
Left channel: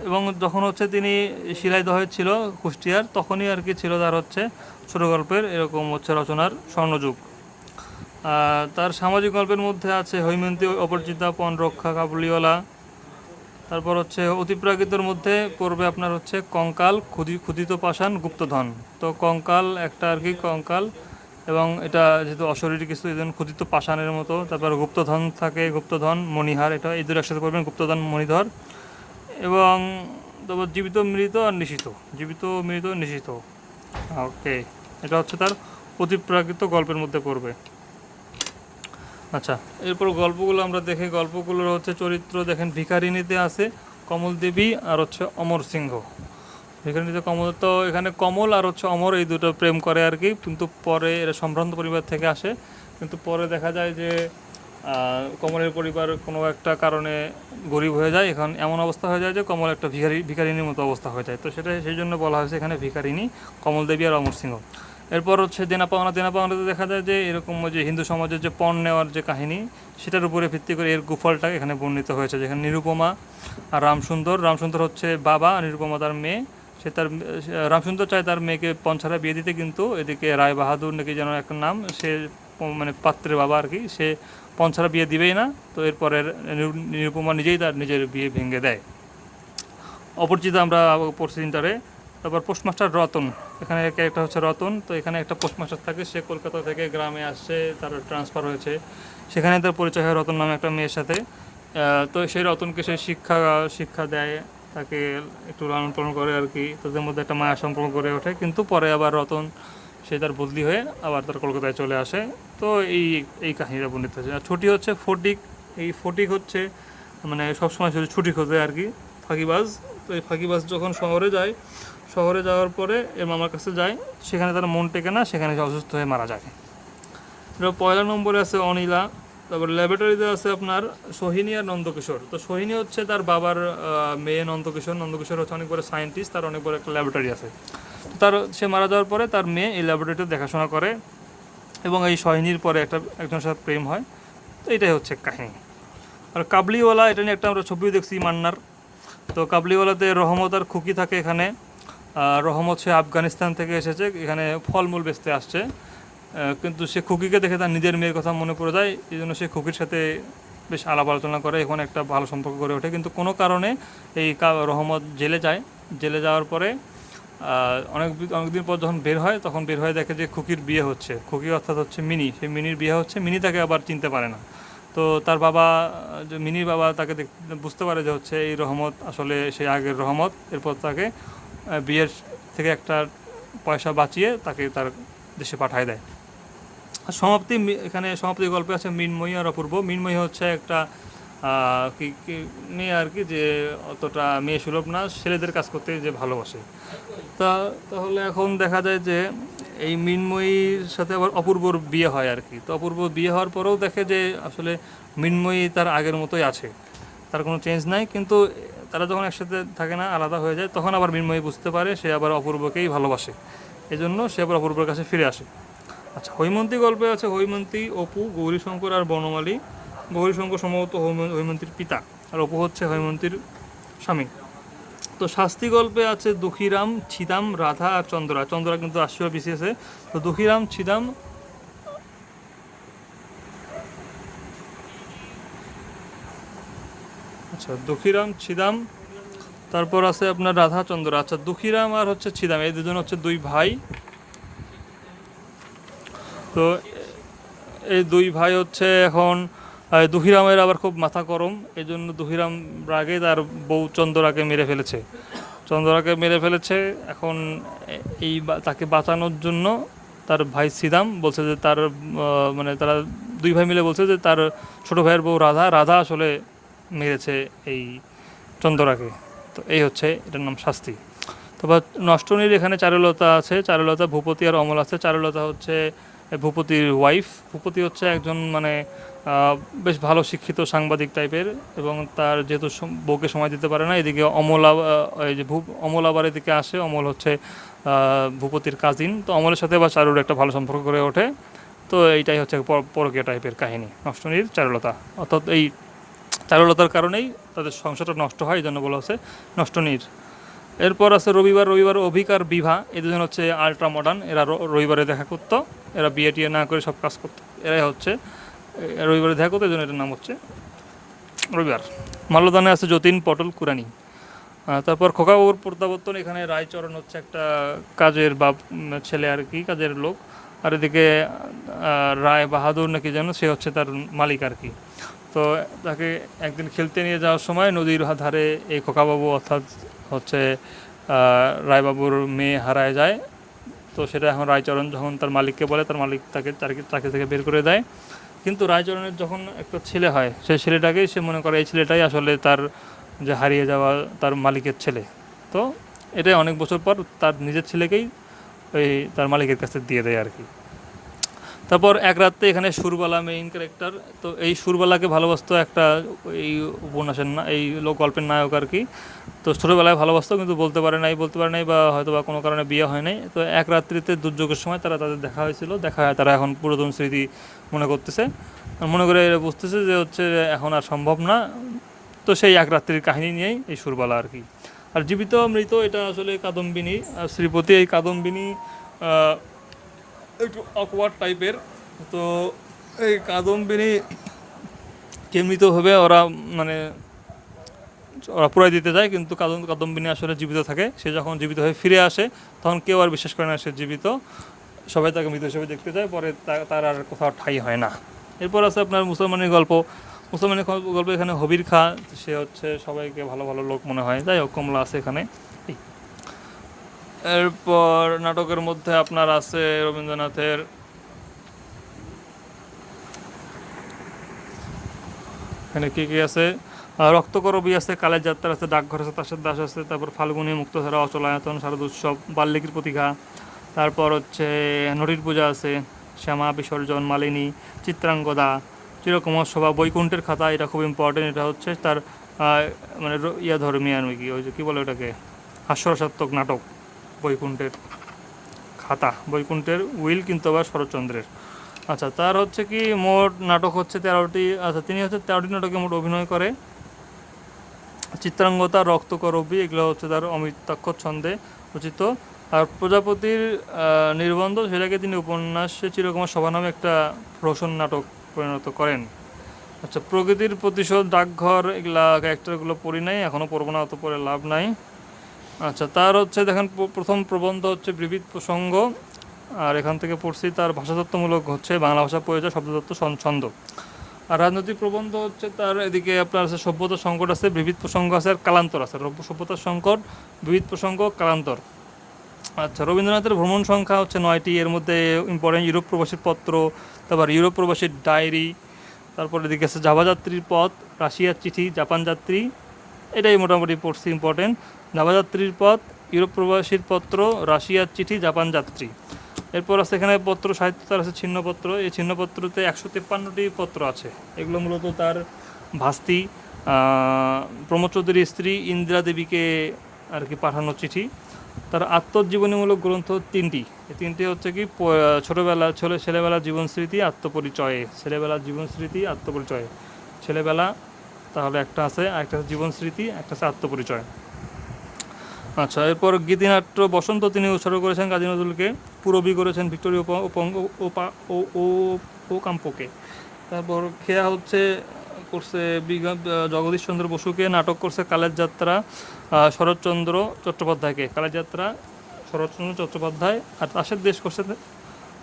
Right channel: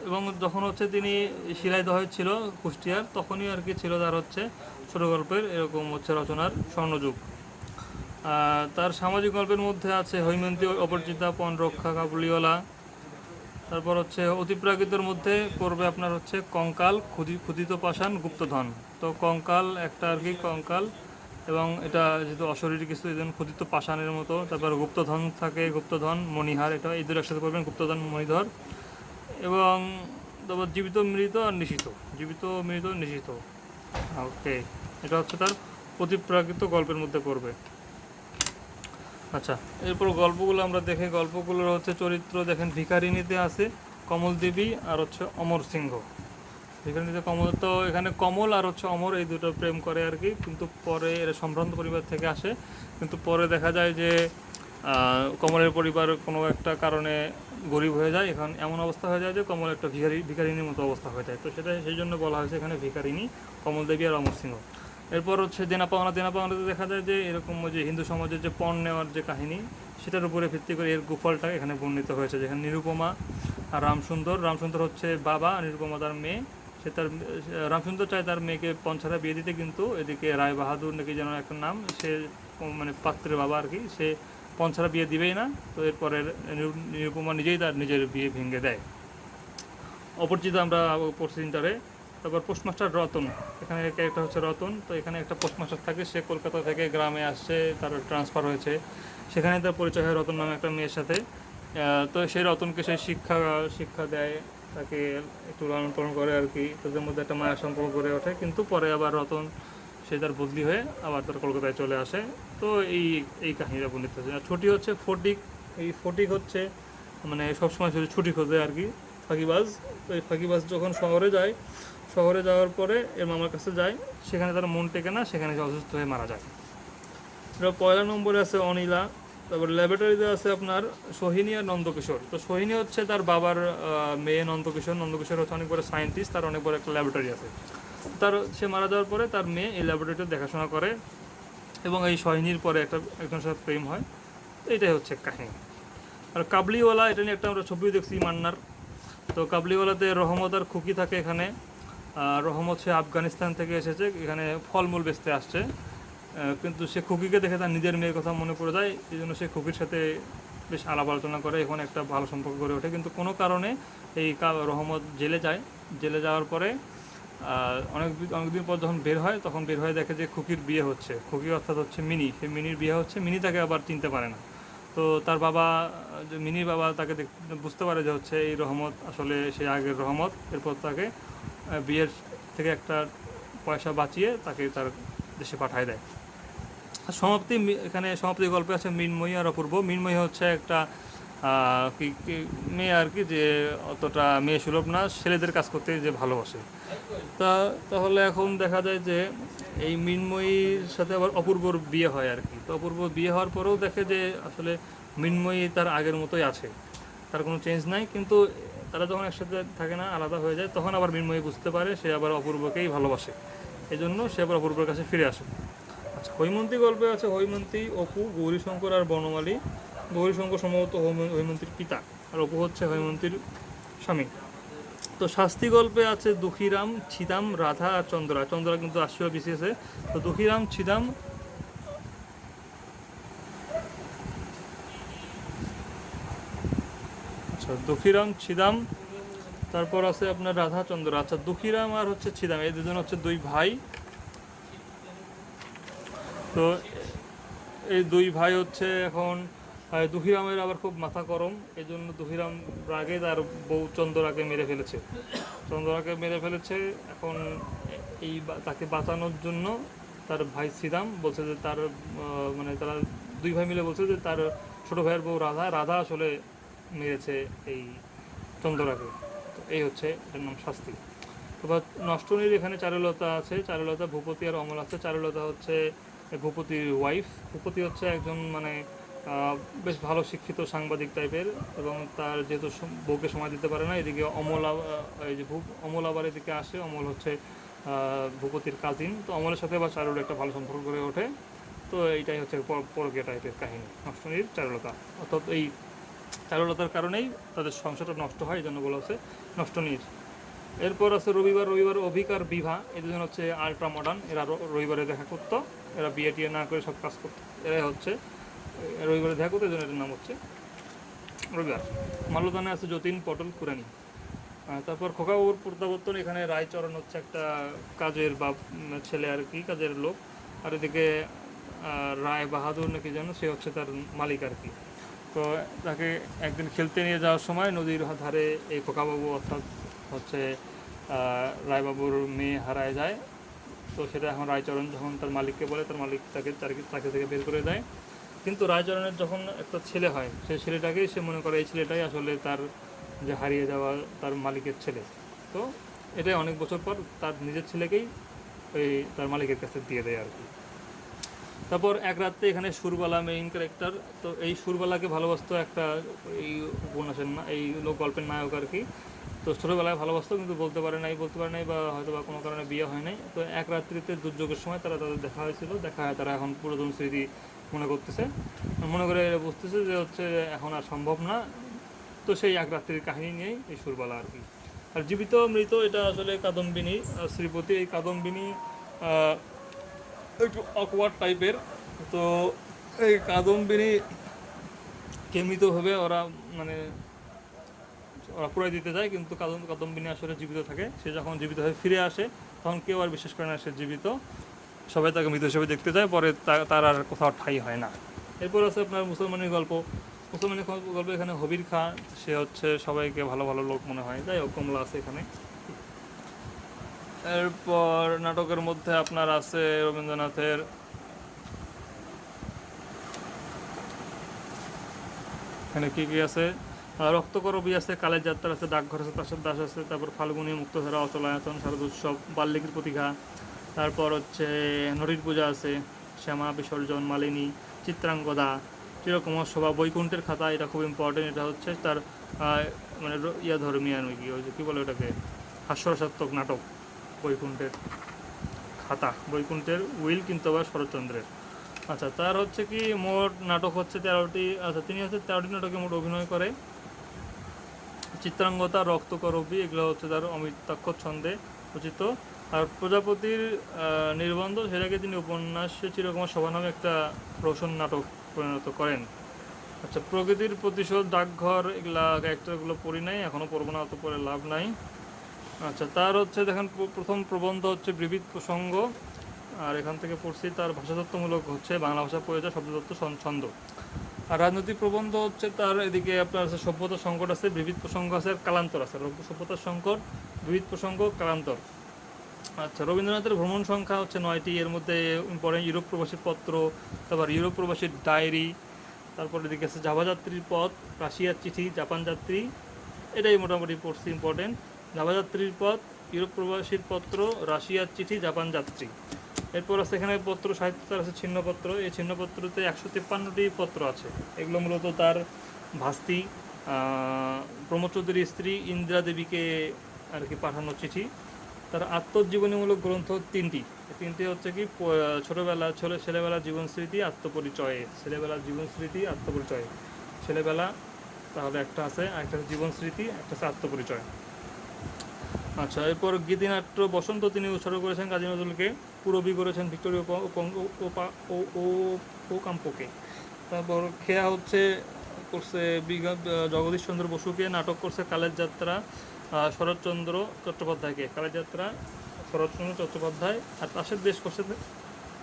এবং যখন হচ্ছে তিনি শিলাইদহে ছিল কুষ্টিয়ার, তখনই আর কি ছিল তার হচ্ছে ছোট গল্পের এরকম হচ্ছে রচনার স্বর্ণযুগ। তার সামাজিক গল্পের মধ্যে আছে হৈমন্তী অপরিচিতা পণ রক্ষা কাবুলিওয়ালা। তারপর হচ্ছে অতিপ্রাকৃতর মধ্যে পড়বে আপনার হচ্ছে কঙ্কাল, ক্ষুদি, ক্ষুদিত পাষাণ, গুপ্তধন। তো কঙ্কাল একটা আর কি, কঙ্কাল। এবং এটা যেহেতু অশরীর কিছু, এই ক্ষুদিত পাষাণের মতো। তারপর গুপ্তধন থাকে, গুপ্তধন, মণিহার, এটা এই দুটো একসাথে পড়বেন, গুপ্তধন, মণিধর। এবং তারপর জীবিত, মৃত আর নিশিত। জীবিত, মৃত, নিশিত। ওকে এটা হচ্ছে তার অতিপ্রাকৃত গল্পের মধ্যে পড়বে। আচ্ছা এরপর গল্পগুলো আমরা দেখি। গল্পগুলোর হচ্ছে চরিত্র দেখেন ভিখারিনীতে আছে কমল দেবী আর হচ্ছে অমর সিংহ। ভিখারিনীতে কমল, তো এখানে কমল আর হচ্ছে অমর এই দুটো প্রেম করে আর কি, কিন্তু পরে এরা সম্ভ্রান্ত পরিবার থেকে আসে। কিন্তু পরে দেখা যায় যে কমলের পরিবার কোনো একটা কারণে গরিব হয়ে যায়। এখন এমন অবস্থা হয়ে যায় যে কমল একটা ভিখারি ভিখারিনীর মতো অবস্থা হয়ে যায়। তো সেটা সেই জন্য বলা হয়েছে এখানে ভিখারিনী কমল দেবী আর অমর সিংহ। এরপর হচ্ছে দেনা পাওনা, দেনা পাওনাতে দেখা যায় যে এরকম ওই যে হিন্দু সমাজের যে পণ নেওয়ার যে কাহিনী, সেটার উপরে ভিত্তি করে এর গুফলটা এখানে বর্ণিত হয়েছে, যেখানে নিরুপমা আর রামসুন্দর রামসুন্দর হচ্ছে বাবা নিরুপমা তার মেয়ে। সে তার, রামসুন্দর চায় তার মেয়েকে পঞ্চারা বিয়ে দিতে, কিন্তু এদিকে রায় বাহাদুর নাকি যেন একটা নাম, সে মানে পাত্রের বাবা আর কি, সে পঞ্চারা বিয়ে দিবেই না। তো এরপরে নিরু- নিরুপমা নিজেই তার নিজের বিয়ে ভেঙে দেয়। অপরিচিত আমরা পড়ছি ইন্টারে তারপর পোস্টমাস্টার রতন। এখানে একটা হচ্ছে রতন, তো এখানে একটা পোস্টমাস্টার থাকে, সে কলকাতা থেকে গ্রামে আসছে তার ট্রান্সফার হয়েছে। সেখানে তার পরিচয় হয় রতন নামে একটা মেয়ের সাথে। তো সেই রতনকে সে শিক্ষা শিক্ষা দেয়, তাকে একটু লালন পালন করে আর কি, তাদের মধ্যে একটা মায়া সম্পর্ক গড়ে ওঠে। কিন্তু পরে আবার রতন, সে তার বদলি হয়ে আবার তার কলকাতায় চলে আসে। তো এই এই কাহিনীটা বর্ণিত হয়েছে। আর ছুটি হচ্ছে ফটিক, এই ফটিক হচ্ছে মানে সবসময় ছুটি খোঁজে আর কি, ফাঁকিবাজ। তো এই ফাঁকিবাজ যখন শহরে যায় শহরে যাওয়ার পরে এর মামার কাছে যায় সেখানে তার মন টেকে না, সেখানে সে অসুস্থ হয়ে মারা যায়। এবার পয়লা নম্বরে আছে অনিলা, তারপর ল্যাবরেটরিতে আছে আপনার সোহিনী আর নন্দকিশোর। তো সোহিনী হচ্ছে তার বাবার মেয়ে নন্দকিশোর। নন্দকিশোর হচ্ছে অনেক বড় সায়েন্টিস্ট তার অনেক বড় একটা ল্যাবরেটরি আছে। তার, সে মারা যাওয়ার পরে তার মেয়ে এই ল্যাবরেটরিতে দেখাশোনা করে এবং এই সোহিনীর পরে একটা, একজনের সাথে প্রেম হয়। তো এটাই হচ্ছে কাহিনী। আর কাবলিওয়ালা, এটা নিয়ে একটা আমরা ছবিও দেখছি মান্নার। তো কাবলিওয়ালাতে রহমত আর খুকি থাকে এখানে। রহমত সে আফগানিস্তান থেকে এসেছে, এখানে ফলমূল বেচতে আসছে। কিন্তু সে খুকিকে দেখে তার নিজের মেয়ের কথা মনে পড়ে যায়, এই জন্য সে খুকির সাথে বেশ আলাপ আলোচনা করে, এখন একটা ভালো সম্পর্ক গড়ে ওঠে। কিন্তু কোনো কারণে এই রহমত জেলে যায়। জেলে যাওয়ার পরে অনেক অনেকদিন পর যখন বের হয়, তখন বের হয়ে দেখে যে খুকির বিয়ে হচ্ছে। খুকি অর্থাৎ হচ্ছে মিনি। সেই মিনির বিয়ে হচ্ছে, মিনি তাকে আবার চিনতে পারে না। তো তার বাবা, যে মিনির বাবা তাকে বুঝতে পারে যে হচ্ছে এই রহমত আসলে সেই আগের রহমত, এরপর তাকে বিয়ের থেকে একটা পয়সা বাঁচিয়ে তাকে তার দেশে পাঠায় দেয়। আর সমাপ্তি এখানে সমাপ্তি গল্পে আছে মিনময়ী আর অপূর্ব। মিনময়ী হচ্ছে একটা কি মেয়ে আর কি যে অতটা মেয়ে সুলভ না, ছেলেদের কাজ করতে যে ভালোবাসে। তা তাহলে এখন দেখা যায় যে এই মিনময়ীর সাথে আবার অপূর্বর বিয়ে হয় আর কি। তো অপূর্ব বিয়ে হওয়ার পরেও দেখে যে আসলে মিনময়ী তার আগের মতোই আছে। তার কোনো চেঞ্জ নাই, কিন্তু তারা যখন একসাথে থাকে না, আলাদা হয়ে যায়, তখন আবার মিনময়ী বুঝতে পারে, সে আবার অপূর্বকেই ভালোবাসে। এই জন্য সে আবার অপূর্বর কাছে ফিরে আসে। আচ্ছা হৈমন্তী গল্পে আছে, হৈমন্তী, অপু, গৌরীশঙ্কর আর বনমালী। গৌরীশঙ্কর সম্ভবত হৈম- হৈমন্তীর পিতা, আর অপু হচ্ছে হৈমন্তীর স্বামী। তো শাস্তি গল্পে আছে দুঃখীরাম, ছিদাম, রাধা আর চন্দ্রা। চন্দ্রা কিন্তু আসিও বিসিএসে। তো দুঃখীরাম, ছিদাম আচ্ছা দুঃখীরাম, ছিদাম। তারপর আছে আপনার রাধা চন্দ্র আচ্ছা দুঃখীরাম আর হচ্ছে ছিদাম, এই দুজন হচ্ছে দুই ভাই। তো এই দুই ভাই হচ্ছে এখন দুহিরামের আবার খুব মাথা গরম। এই জন্য দুহিরাম রাগে তার বউ চন্দ্রাকে মেরে ফেলেছে। চন্দ্রাকে মেরে ফেলেছে। এখন এই তাকে বাঁচানোর জন্য তার ভাই সিদাম বলছে যে তার মানে তারা দুই ভাই মিলে বলছে যে তার ছোট ভাইয়ের বউ রাধা। রাধা আসলে মেরেছে এই চন্দরাকে। তো এই হচ্ছে এটার নাম শাস্তি। তারপর নষ্টনীর এখানে চারুলতা আছে, চারুলতা ভূপতি আর অমল আছে। চারুলতা হচ্ছে ভূপতির ওয়াইফ ভূপতি হচ্ছে একজন মানে বেশ ভালো শিক্ষিত সাংবাদিক টাইপের এবং তার যেহেতু বউকে সময় দিতে পারে না, এদিকে অমলা এই যে ভূপ, অমল আবার এদিকে আসে। অমল হচ্ছে ভূপতির কাজিন তো অমলের সাথে বা চারুর একটা ভালো সম্পর্ক গড়ে ওঠে। তো এইটাই হচ্ছে পর- পরকীয়া টাইপের কাহিনী। নষ্টনীর চারুলতা। অর্থাৎ এই চারুলতার কারণেই তাদের সংসারটা নষ্ট হয় এই জন্য বলা হচ্ছে নষ্টনীর। এরপর আছে রবিবার রবিবার অভিকার বিভা। এই দুজন হচ্ছে আলট্রা মডার্ন এরা রবিবারে দেখা করতো, এরা বিয়ে টিয়ে না করে সব কাজ করতো। এরাই হচ্ছে রবিবারে দেখা করতো এই জন্য এটার নাম হচ্ছে রবিবার। মাল্যদানে আছে যতীন, পটল, কুরানি। তারপর খোকাবাবুর প্রত্যাবর্তন, এখানে রায়চরণ হচ্ছে একটা কাজের বাপ ছেলে আর কি, কাজের লোক। আর এদিকে রায় বাহাদুর নাকি যেন, সে হচ্ছে তার মালিক আর কি। তো তাকে একদিন খেলতে নিয়ে যাওয়ার সময় নদীর ধারে এই খোকাবাবু অর্থাৎ হচ্ছে রায়বাবুর মেয়ে হারায় যায়। তো সেটা এখন রায়চরণ যখন তার মালিককে বলে, তার মালিক তাকে চাকরি থেকে বের করে দেয়। কিন্তু রায়চরণের যখন একটা ছেলে হয়, সেই ছেলেটাকেই সে মনে করে, এই ছেলেটাই আসলে তার যে হারিয়ে যাওয়া তার মালিকের ছেলে। তো এটাই অনেক বছর পর তার নিজের ছেলেকেই ওই তার মালিকের কাছে দিয়ে দেয় আর কি। তারপর এক রাত্রে এখানে সুরবালা মেইন ক্যারেক্টার তো এই সুরবালাকে ভালোবাসতো একটা এই উপন্যাসের না, এই লোক গল্পের নায়ক আর কি। তো ছোটোবেলায় ভালোবাসতো, কিন্তু বলতে পারে নাই, বলতে পারে নাই বা হয়তো বা কোনো কারণে বিয়ে হয় নাই। তো এক রাত্রিতে দুর্যোগের সময় তারা তাদের দেখা হয়েছিল, দেখা হয়, তারা এখন পুরাতন স্মৃতি মনে করতেছে। মনে করে বুঝতেছে যে হচ্ছে এখন আর সম্ভব না। তো সেই এক রাত্রির কাহিনী নিয়েই এই সুরবালা আর কি। আর জীবিত, মৃত, এটা আসলে কাদম্বিনী, আর শ্রীপতি এই কাদম্বিনী একটু অকওয়ার্ড টাইপের তো এই কাদম্বিনী কেমনিতভাবে ওরা মানে ওরা পুরাই দিতে যায়, কিন্তু কাদম কাদম্বিনী আসলে জীবিত থাকে। সে যখন জীবিত হয়ে ফিরে আসে, তখন কেউ আর বিশ্বাস করে না সে জীবিত। সবাই তাকে মৃত হিসেবে দেখতে যায়, পরে তার আর কোথাও ঠাই হয় না। এরপর আছে আপনার মুসলমানের গল্প। মুসলমানের গল্প- গল্প এখানে হবির খা, সে হচ্ছে সবাইকে ভালো ভালো লোক মনে হয়। যাই হোক, কমলা আছে এখানে। এরপর নাটকের মধ্যে আপনার আছে রবীন্দ্রনাথের এখানে কি কি আছে? রক্তকরবী আছে, কালের যাত্রা আছে, ডাকঘর আছে তাসের দাস আছে, তারপর ফাল্গুনী, মুক্তধারা অচলায়তন শারদ উৎসব বাল্যিকীর প্রতিঘা, তারপর হচ্ছে নটির পূজা আছে, শ্যামা, বিসর্জন, মালিনী, চিত্রাঙ্গদা, চিরকুমার সভা বৈকুণ্ঠের খাতা, এটা খুব ইম্পর্টেন্ট এটা হচ্ছে তার মানে ইয়া ধর্মী আর কি, ওই যে কী বলে ওটাকে? হাস্যরসাত্মক নাটক। বৈকুণ্ঠের খাতা, বৈকুণ্ঠের উইল কিন্তু আবার শরৎচন্দ্রের। আচ্ছা তার হচ্ছে কি মোট নাটক হচ্ছে তেরোটি আচ্ছা তিনি হচ্ছে তেরোটি নাটকে মোট অভিনয় করে চিত্রাঙ্গতা রক্তকরবী এগুলো হচ্ছে তার অমিতাক্ষর ছন্দে রচিত। আর প্রজাপতির নির্বন্ধ, সেটাকে তিনি উপন্যাসে চিরকুমার সভা নামে একটা রোশন নাটক পরিণত করেন। আচ্ছা প্রকৃতির প্রতিশোধ, ডাকঘর, এগুলা ক্যারেক্টারগুলো পড়ি নাই এখনও পড়ব না, অত পরে লাভ নাই। আচ্ছা তার হচ্ছে দেখেন প্রথম প্রবন্ধ হচ্ছে বিবিধ প্রসঙ্গ। আর এখান থেকে পড়ছি তার ভাষাতত্ত্বমূলক হচ্ছে বাংলা ভাষা পরিচয় শব্দতত্ত্ব ছন- ছন্দ। আর রাজনৈতিক প্রবন্ধ হচ্ছে তার এদিকে আপনার আছে সভ্যতার সংকট আছে, বিবিধ প্রসঙ্গ আছে, আর কালান্তর আছে। সভ্যতার সংকট, বিবিধ প্রসঙ্গ, কালান্তর। আচ্ছা রবীন্দ্রনাথের ভ্রমণ সংখ্যা হচ্ছে নয়টি। এর মধ্যে ইম্পর্টেন্ট ইউরোপ প্রবাসীর পত্র, তারপর ইউরোপ প্রবাসীর ডায়েরি, তারপর এদিকে আছে জাভাযাত্রীর পথ, রাশিয়ার চিঠি, জাপান যাত্রী। এটাই মোটামুটি পড়ছি ইম্পর্টেন্ট জাভাযাত্রীর পথ, ইউরোপ প্রবাসীর পত্র, রাশিয়ার চিঠি, জাপান যাত্রী। এরপর আছে এখানে পত্র সাহিত্য তার আছে ছিন্নপত্র। এই ছিন্নপত্রতে একশো তিপ্পান্নটি পত্র আছে। এগুলো মূলত তার ভাস্তি প্রমোদ চৌধুরীর স্ত্রী ইন্দিরা দেবীকে আর কি পাঠানো চিঠি। তার আত্মজীবনীমূলক গ্রন্থ তিনটি। এই তিনটি হচ্ছে কি ছোটোবেলা, ছেলে ছেলেবেলার জীবন স্মৃতি, আত্মপরিচয়ে। ছেলেবেলার জীবন স্মৃতি, আত্মপরিচয়। ছেলেবেলা, তাহলে একটা আছে, একটা জীবন স্মৃতি, একটা আছে আত্মপরিচয়। আচ্ছা এরপর গীতিনাট্য বসন্ত তিনি উৎসর্গ করেছেন কাজী নজরুলকে, পুরবী করেছেন ভিক্টোরিয়া ও ওকাম্পকে তারপর খেয়া হচ্ছে, করছে বিগা- জগদীশ চন্দ্র বসুকে, নাটক করছে কালের যাত্রা শরৎচন্দ্র চট্টোপাধ্যায়কে। কালের যাত্রা, শরৎচন্দ্র চট্টোপাধ্যায় আর তাসের দেশ করছে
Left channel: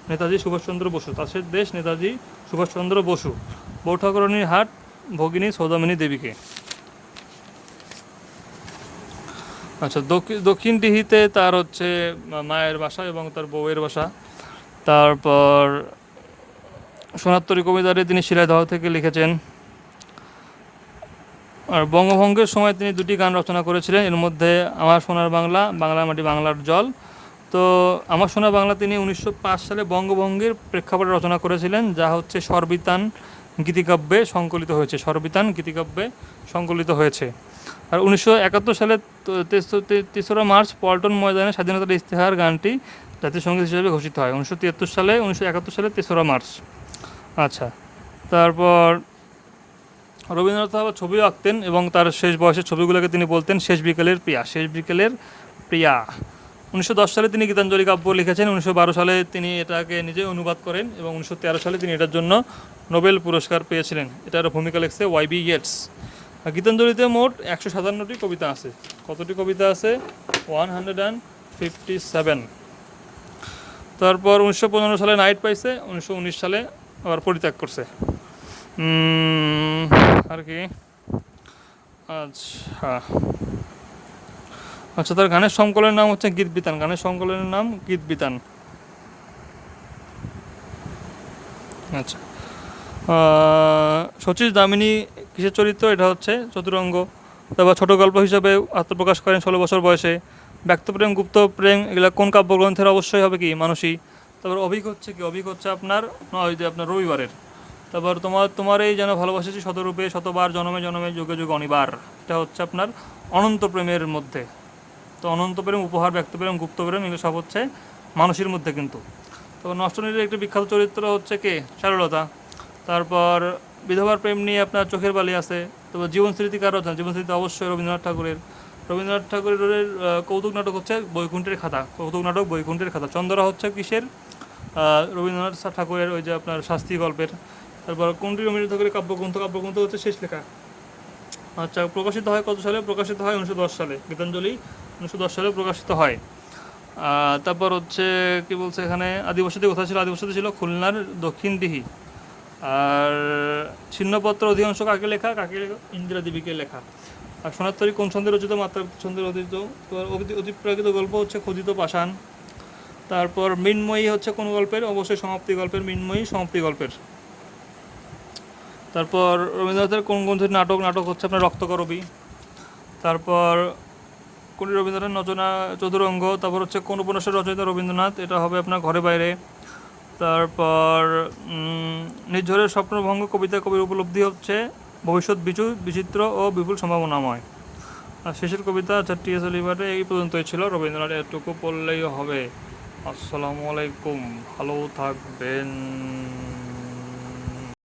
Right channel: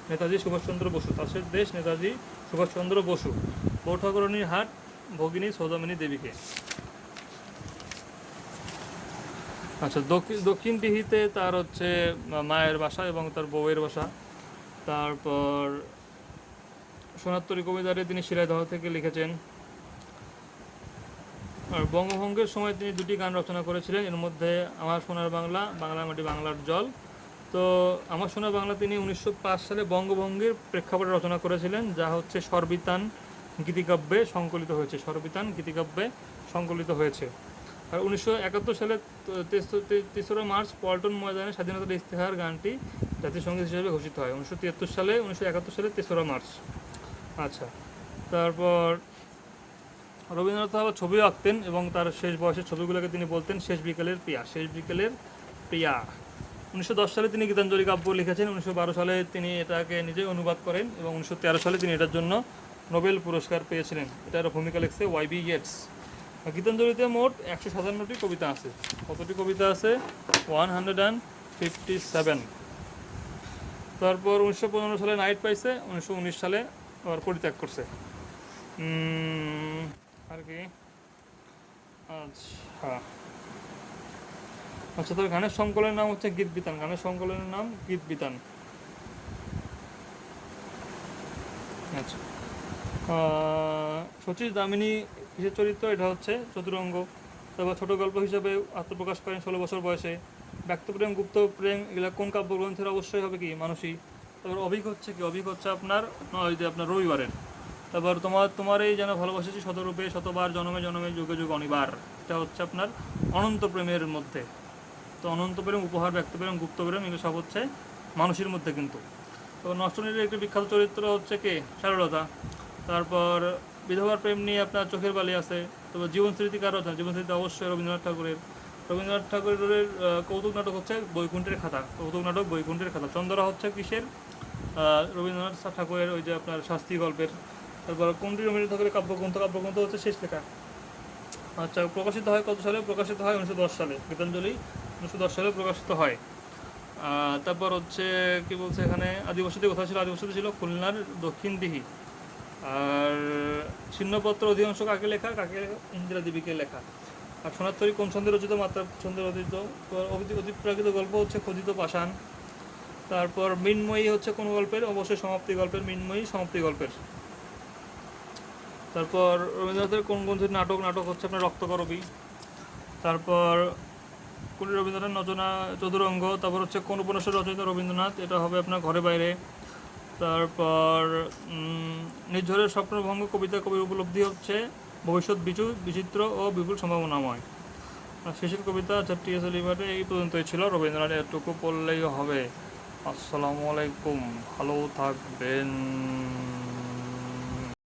নেতাজি সুভাষচন্দ্র বসু। তাসের দেশ নেতাজি সুভাষচন্দ্র বসু। বৌঠাকরণীর হাট, ভগিনী সৌদামিনী দেবীকে। আচ্ছা দক্ষিণ ডিহিতে তার হচ্ছে মায়ের বাসা এবং তার বউয়ের বাসা। তারপর সোনাত্তরী কবিতারে তিনি শিলাদহ থেকে লিখেছেন, আর বঙ্গভঙ্গের সময় তিনি দুটি গান রচনা করেছিলেন। এর মধ্যে আমার সোনার বাংলা বাংলা মাটি বাংলার জল। তো আমার সোনার বাংলা তিনি উনিশশো পাঁচ সালে বঙ্গভঙ্গের প্রেক্ষাপটে রচনা করেছিলেন, যা হচ্ছে সর্বিতান গীতিকাব্যে সংকলিত হয়েছে, সর্বিতান গীতিকাব্যে সংকলিত হয়েছে। আর উনিশশো একাত্তর সালে তেসরা মার্চ পল্টন ময়দানে স্বাধীনতার ইস্তেহার গানটি জাতীয় সংগীত হিসেবে ঘোষিত হয়, উনিশশো তিয়াত্তর সালে, উনিশশো একাত্তর সালে তেসরা মার্চ। আচ্ছা তারপর রবীন্দ্রনাথ আবার ছবিও আঁকতেন এবং তার শেষ বয়সের ছবিগুলোকে তিনি বলতেন শেষ বিকেলের প্রিয়া, শেষ বিকেলের প্রিয়া। উনিশশো দশ সালে তিনি গীতাঞ্জলি কাব্য লিখেছেন, উনিশশো বারো সালে তিনি এটাকে নিজে অনুবাদ করেন এবং উনিশশো তেরো সালে তিনি এটার জন্য নোবেল পুরস্কার পেয়েছিলেন। এটার ভূমিকা লিখছে ওয়াইবি ইয়েটস গীতাঞ্জলিতে মোট একশো সাতান্নটি কবিতা আছে। কতটি কবিতা আছে? One hundred and fifty seven. তারপর উনিশশো পনেরো সালে নাইট পাইছে, উনিশশো উনিশ সালে আবার পরিত্যাগ করছে। আর কি? আচ্ছা। আচ্ছা তার গানের সংকলনের নাম হচ্ছে গীত বিতান। গানের সংকলনের নাম গীত বিতান। আচ্ছা। শচীশ দামিনী কিসের চরিত্র? এটা হচ্ছে চতুরঙ্গ। তারপর ছোট গল্প হিসাবে আত্মপ্রকাশ করেন ষোলো বছর বয়সে। ব্যক্তপ্রেম গুপ্ত প্রেম, এগুলো কোন কাব্যগ্রন্থের অবশ্যই হবে কি? মানসী। তারপর অভিক হচ্ছে কি? অভিক হচ্ছে আপনার ওই আপনার রবিবারের। তারপর তোমার তোমার এই যেন ভালোবাসেছি শতরূপে, শতবার, জনমে জনমে, যুগে যুগে, অনিবার। এটা হচ্ছে আপনার অনন্ত প্রেমের মধ্যে। তো অনন্ত প্রেম, উপহার ব্যক্তপ্রেম গুপ্ত প্রেম, এগুলো সব হচ্ছে মানুষের মধ্যে কিন্তু। তো নষ্টনীতির একটি বিখ্যাত চরিত্র হচ্ছে কে? সারলতা তারপর বিধবার প্রেম নিয়ে আপনার চোখের বালি আছে তারপর জীবন স্মৃতি কার রচনা জীবন স্মৃতি অবশ্যই রবীন্দ্রনাথ ঠাকুরের। রবীন্দ্রনাথ ঠাকুরের কৌতুক নাটক হচ্ছে বৈকুণ্ঠের খাতা। কৌতুক নাটক বৈকুণ্ঠের খাতা। চন্দ্রা হচ্ছে কিসের? রবীন্দ্রনাথ ঠাকুরের ওই যে আপনার শাস্তি গল্পের। তারপর কোনটি রবীন্দ্রনাথ ঠাকুরের কাব্যগ্রন্থ। কাব্যগ্রন্থ হচ্ছে শেষ লেখা। আচ্ছা প্রকাশিত হয় কত সালে? প্রকাশিত হয় উনিশশো দশ সালে। গীতাঞ্জলি উনিশশো দশ সালে প্রকাশিত হয়। তারপর হচ্ছে কি বলছে এখানে? আদিবসতি কোথায় ছিল আদিবসতি ছিল খুলনার দক্ষিণ দিহি আর ছিন্নপত্র অধিকাংশ কাকে লেখা, কাকে ইন্দিরা দেবীকে লেখা? আর সোনাত্তরী কোন ছন্দের রচিত মাত্রা, ছন্দের রচিত অতিপ্রাকৃত গল্প হচ্ছে খোদিত পাষাণ। তারপর মৃন্ময়ী হচ্ছে কোন গল্পের? অবশ্যই সমাপ্তি গল্পের মৃন্ময়ী, সমাপ্তি গল্পের। তারপর রবীন্দ্রনাথের কোন গ্রন্থের নাটক নাটক হচ্ছে আপনার রক্তকরবী। তারপর কোন রবীন্দ্রনাথ নচনা চতুরঙ্গ, তারপর হচ্ছে কোন উপন্যাসের রচয়িতা রবীন্দ্রনাথ, এটা হবে আপনার ঘরে বাইরে। তারপর নির্ঝরের স্বপ্নভঙ্গ কবিতা কবির উপলব্ধি হচ্ছে ভবিষ্যৎ বিচু, বিচিত্র ও বিপুল সম্ভাবনাময়। আর শেষের কবিতা চারটি এস লিভারে এই পর্যন্তই ছিল। রবীন্দ্রনাথ এতটুকু পড়লেই হবে। আসসালামু আলাইকুম। ভালো থাকবেন।